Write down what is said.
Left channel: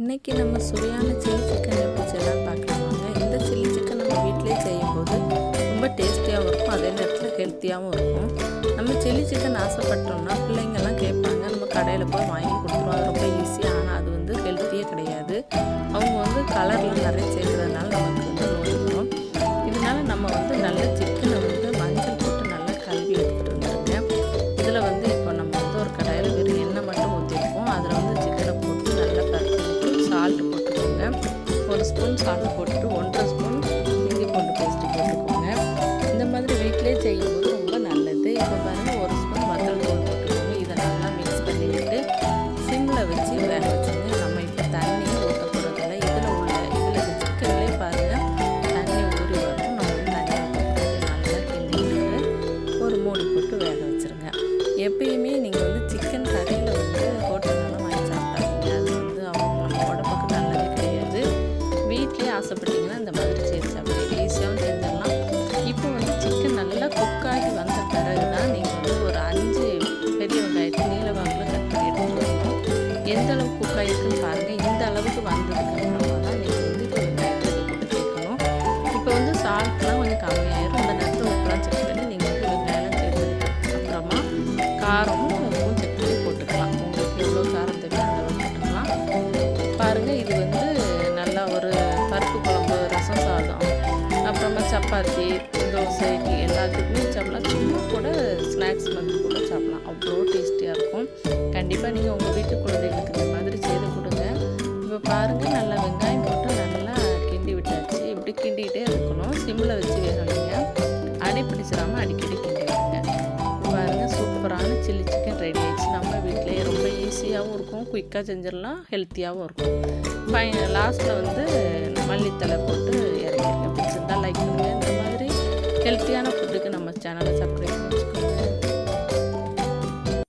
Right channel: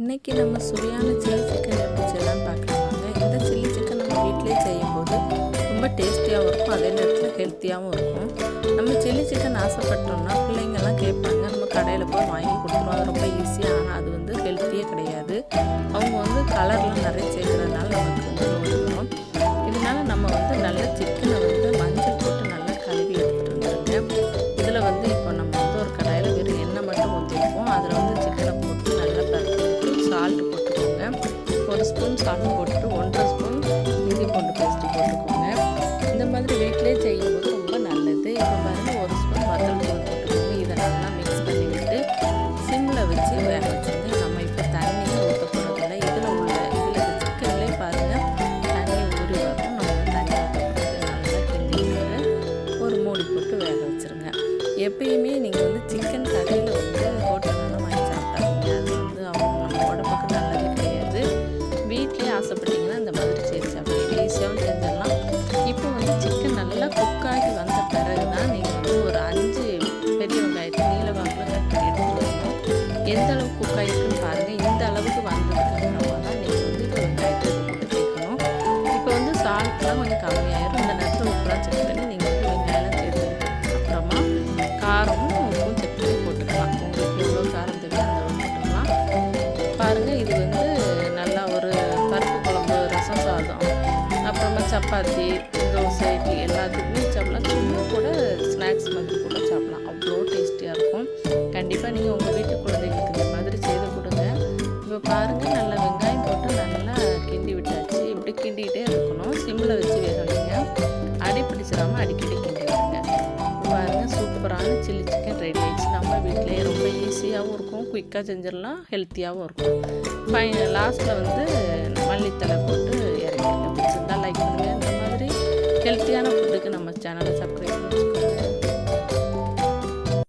இன்றைக்கி நம்ம சுவையான சில்லி சிக்கன் எப்படி செய்யலான்னு பார்க்கலாம் வாங்க. இந்த சில்லி சிக்கன் நம்ம வீட்டிலே செய்யும்போது ரொம்ப டேஸ்டியாகவும் இருக்கும், அதே நேரத்தில் ஹெல்த்தியாகவும் இருக்கும். நம்ம சில்லி சிக்கன் ஆசைப்பட்டோம்னா பிள்ளைங்கள்லாம் கேட்பாங்க, நம்ம கடையில் போய் வாங்கி கொடுத்துருவோம். அது ரொம்ப ஈஸியாக, ஆனால் அது வந்து ஹெல்த்தியே கிடையாது. அவங்க வந்து கலர்லாம் நிறைய சேர்க்குறதுனால நமக்கு வந்து நோய் வரும். இதனால் நம்ம வந்து நல்ல சிக்கனை வந்து மஞ்சள் போட்டு நல்லா கழுவி எடுத்துகிட்டு வந்துடுங்க. இதில் வந்து இப்போ நம்ம வந்து ஒரு கடாயில் வெறும் எண்ணெய் மட்டும் ஊற்றிருக்கோம். அதில் வந்து சிக்கனை போட்டு நல்லா பரட்டி விட்டு சால்ட்டு போட்டுக்கோங்க. 1 ஸ்பூன் சால்ட்டு போட்டுட்டு 1.5 ஸ்பூன் இஞ்சி பூண்டு பேஸ்ட்டு போட்டுக்கோங்க. இந்த மாதிரி வீட்டிலே செய்யும்போது ரொம்ப நல்லது. இப்போ பாருங்கள், 1 ஸ்பூன் வத்தல் தூள் போட்டுக்கோங்க. இதை நல்லா மிக்ஸ் பண்ணி விட்டு சிம்மில் வச்சு வேக வச்சுங்க. நம்ம இப்போ தண்ணியும் ஊற்ற போகிறதில்ல. இதில் இந்த சிக்கன்லேயே பாருங்கள் தண்ணி ஊறி வரும். நம்ம வந்து தண்ணி ஊற்றக்கூடாது. நல்லா கிண்டி விட்டு ஒரு மூடி போட்டு வேக வச்சுருங்க. எப்பயுமே நீங்கள் வந்து சிக்கன் கடையில் வந்து ஹோட்டலெல்லாம் வாங்கி சாப்பிடாதீங்க. அது வந்து நம்ம உடம்புக்கு நல்லதே கிடையாது. வீட்லேயே ஆசைப்பட்டீங்கன்னா இந்த மாதிரி செய்து சாப்பிடுங்க. ஈஸியாகவும் செஞ்சிடலாம். இப்போ வந்து சிக்கன் நல்லா குக்காகி வந்த பிறகு தான் நீங்கள் வந்து ஒரு 5 பெரிய வெங்காயத்தை நீல வாக்கில் கட் பண்ணி எடுத்துகிட்டு வரணும். எந்த அளவுக்கு குக்காகிருக்குன்னு பாருங்கள். இந்த அளவுக்கு வந்ததுக்கு அப்புறமா தான் நீங்கள் வந்து இப்போ வெங்காயத்தை இது போட்டு சேர்க்கணும். இப்போ வந்து சால்ட்லாம் கொஞ்சம் கம்மியாயிரும். அந்த நேரத்தில் உப்புலாம் செக் பண்ணி நீங்கள் வந்து வெங்காயம்லாம் சேர்த்ததுக்கு அப்புறமா காரமும் உப்பும் செக் பண்ணி போட்டுக்கலாம். உங்களுக்கு எவ்வளோ காரம் தேவையோ அந்த அளவு போட்டுக்கலாம். பாருங்கள், இது வந்து நல்லா ஒரு பருப்பு குழம்பு, ரசம் சாதம், அப்புறமா சப்பாத்தி, தோசை, இட்லி எல்லாத்துக்குமே சாப்பிடலாம். சும்மா கூட ஸ்நாக்ஸ் மாதிரி கூட சாப்பிடலாம். அவ்வளோ டேஸ்டியாக இருக்கும். கண்டிப்பாக நீங்கள் உங்கள் வீட்டு குழந்தைகளுக்கு இந்த மாதிரி செய்து கொடுங்க. இப்போ பாருங்கள், நல்லா வெங்காயம் போட்டு நல்லா கிண்டி விட்டாச்சு. இப்படி கிண்டிக்கிட்டே இருக்கணும். சிம்மில் வச்சு வேக வைங்க. அடி பிடிச்சிடாமல் அடிக்கடி கிண்டி விடுங்க. பாருங்கள், சூப்பரான சில்லி சிக்கன் ரெடி ஆகிடுச்சு. நம்ம வீட்டிலேயே ரொம்ப ஈஸியாகவும் இருக்கும், குயிக்காக செஞ்சிடலாம், ஹெல்த்தியாகவும் இருக்கும். லாஸ்ட்டில் வந்து மல்லித்தலை போட்டு இறக்கிருக்கேன். பிடிச்சிருந்தால் லைக் பண்ணுங்கள். இந்த மாதிரி ஹெல்த்தியான ஃபுட்டுக்கு நம்ம சேனலை சப்ஸ்கிரைப் பண்ணி வச்சுக்கோங்க.